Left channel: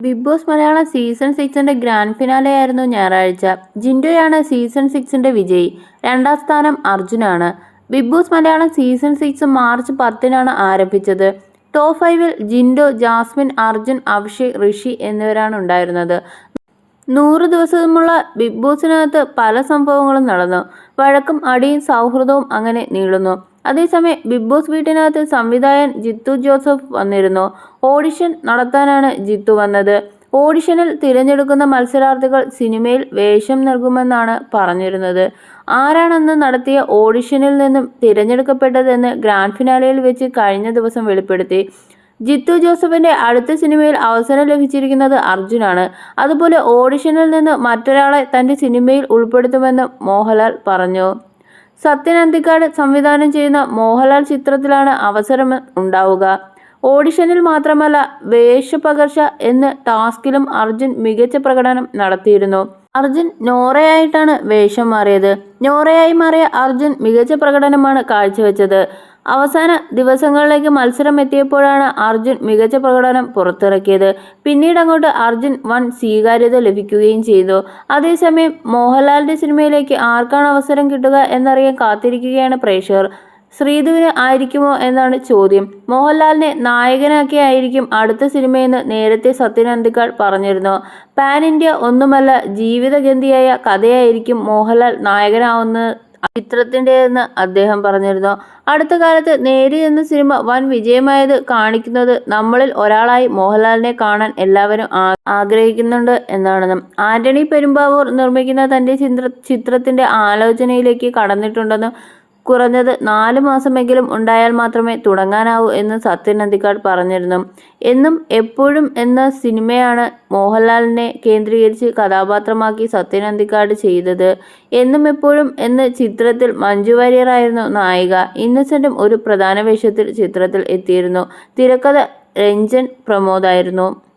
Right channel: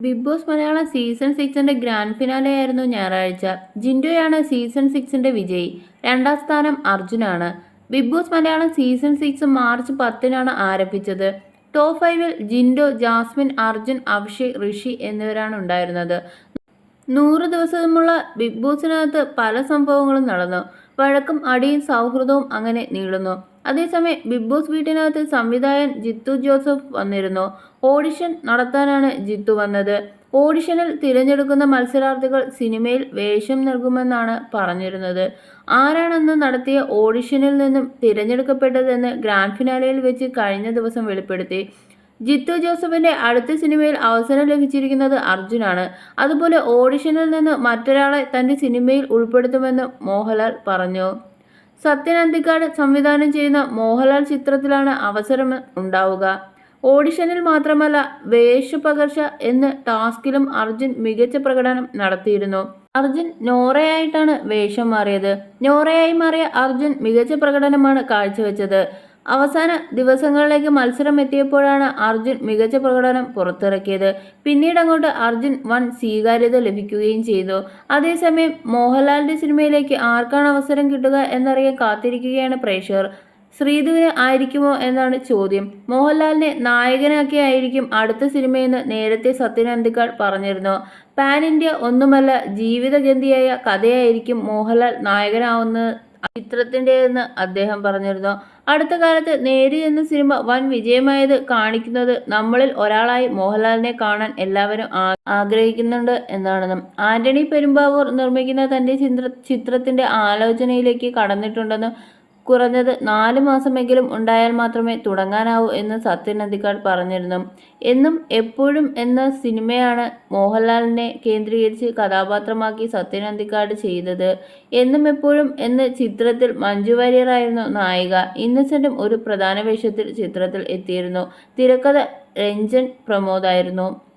Big boss Malayalam season സിക്സിന്റെ grand finale ആയിരുന്നു ഞായറാഴ്ച. ജിൻഡോയാണ് സീസൺ സിക്സിന്റെ വിജയി. രണ്ടാം സ്ഥാനം അർജുനാണ്. Big boss Malayalam season six March പത്തിനാണ് ആരംഭിച്ചത്. ടോപ്പ് ഫൈവിൽ ജിൻഡോ ജാസ്മിൻ അർജുൻ അഭിഷേക് ഋഷി എന്നിവരാണ് ഉണ്ടായിരുന്നത്. നൂറ് ദിവസമുള്ള ബിഗ് ബോസിനകത്ത് പല സംഭവങ്ങളും നടന്നു. വഴക്കും അടിയും സൗഹൃദവും അങ്ങനെ നീളുന്നു. അതേസമയം ബിഗ് ബോസ് വീട്ടിനകത്ത് സംവിധായകൻ ജിത്തു ജോസഫ് വന്നിരുന്നു. ഓഡിഷൻ നടത്താനാണ് ജിത്തു വന്നത്. ഓഡിഷനിൽ തിരഞ്ഞെടുക്കുന്ന മത്സരാർത്ഥികൾ സിനിമയിൽ വേഷം നൽകുമെന്നാണ് പറഞ്ഞിരുന്നത്. ആരാണെന്ന് നടത്തിയ ഓഡിഷനിൽ നിന്നും തിരഞ്ഞെടുക്കപ്പെട്ടതെന്ന് ഗ്രാൻഡ് ഫിനാലയിൽ വെച്ച് കഴിഞ്ഞ ദിവസം വെളിപ്പെടുത്തി. ജിത്തു ജോസഫിന്റെ അടുത്ത സിനിമയിൽ അവസരം ലഭിച്ചിരിക്കുന്നത് അർജുനാണ്. അതുപോലെ ഓഡിഷനിൽ നിന്ന് മറ്റൊരാളെ തന്റെ സിനിമയിൽ ഉൾപ്പെടുത്തുമെന്ന് മോഹൻലാൽ പറഞ്ഞു. സത്യൻ അന്തിക്കാട് സംവിധാനം ചെയ്യുന്ന മോഹൻലാൽ ചിത്രത്തിലാണ് അവസരം ഉണ്ടാവുക. ഓഡിഷനിൽ മാത്രമല്ല വേഷപകർച്ച എന്ന ടാസ്കിലും അർജുൻ മികച്ച പ്രകടനം നടത്തിയിരുന്നു. അർജുൻ നോറയായിട്ടാണ് വേഷം മാറിയത്. നോറയായി മാറിയ അർജുൻ മികച്ച പ്രകടനമാണ് കാഴ്ചവെച്ചത്. അവസാന ദിവസങ്ങളിലേക്ക് മത്സരം എത്തിയപ്പോഴാണ് അർജുൻ മികച്ച പ്രകടനം പുറത്തിറക്കിയത്. പിന്നീട് അങ്ങോട്ട് അർജുൻ വൺ സ്വീകാര്യത ലഭിക്കുകയും ചെയ്തു. അതേസമയം മോഹൻലാലിന്റെ സിനിമയിലേക്ക് ആർക്കാണ് അവസരം കിട്ടുക എന്നറിയാൻ കാത്തിരിക്കുകയാണ് പ്രേക്ഷകർ. ശ്രീധുവിന് ആയിരിക്കുമോ എന്നാണ് ചോദ്യം. മോഹൻലാലിനെ നായകനാക്കി ആയിരിക്കും അടുത്ത സിനിമയെന്ന് നേരത്തെ സത്യൻ അന്തിക്കാൾ പറഞ്ഞിരുന്നു. പാൻ ഇന്ത്യ ഒന്നുമല്ല ജീവിതഗന്ധിയായ കഥയായിരിക്കും മോഹൻലാൽ നായകനാവുന്ന ചിത്രത്തിന്റെയെന്ന് അദ്ദേഹം പറഞ്ഞിരുന്നു. അടുത്ത കാലത്ത് നേരി എന്ന സിനിമ വൻ വിജയമായത് കാണിക്കുന്നത് നമ്മളിൽ ഒരാളായി മോഹൻലാലിനെ കാണാൻ എല്ലാവരും ആഗ്രഹിക്കുന്നുണ്ട് എന്നാണ്. ആന്റണി പെരുമ്പാവൂർ നിർമ്മിക്കുന്ന തന്റെ ചിത്ര ചിത്രത്തിന്റെ ആലോചനയിലേക്ക് കടന്നിട്ടുണ്ടെന്നും കുറഞ്ഞത് നാല് മാസമെങ്കിലും ഉണ്ടായാൽ മാത്രമേ തുടങ്ങാനാവൂ എന്ന് സത്യൻ അന്തിക്കാട് പറഞ്ഞിരുന്നു. എന്നും എപ്പോഴും എന്ന സിനിമയാണ് മോഹൻലാലിനെ കേന്ദ്രീകരിച്ച് കഥാപാത്രമാക്കി സത്യൻ അന്തിക്കാട് ചെയ്തത്. എന്നും എപ്പോഴും എന്ന ചിത്രത്തിൽ മഞ്ജു വാര്യറായിരുന്നു നായിക. ഇന്നസെന്റും ഒരു പ്രധാന വേഷത്തിൽ ചിത്രത്തിൽ എത്തിയിരുന്നു. തിരക്കഥ രഞ്ജൻ പ്രമോദായിരുന്നു.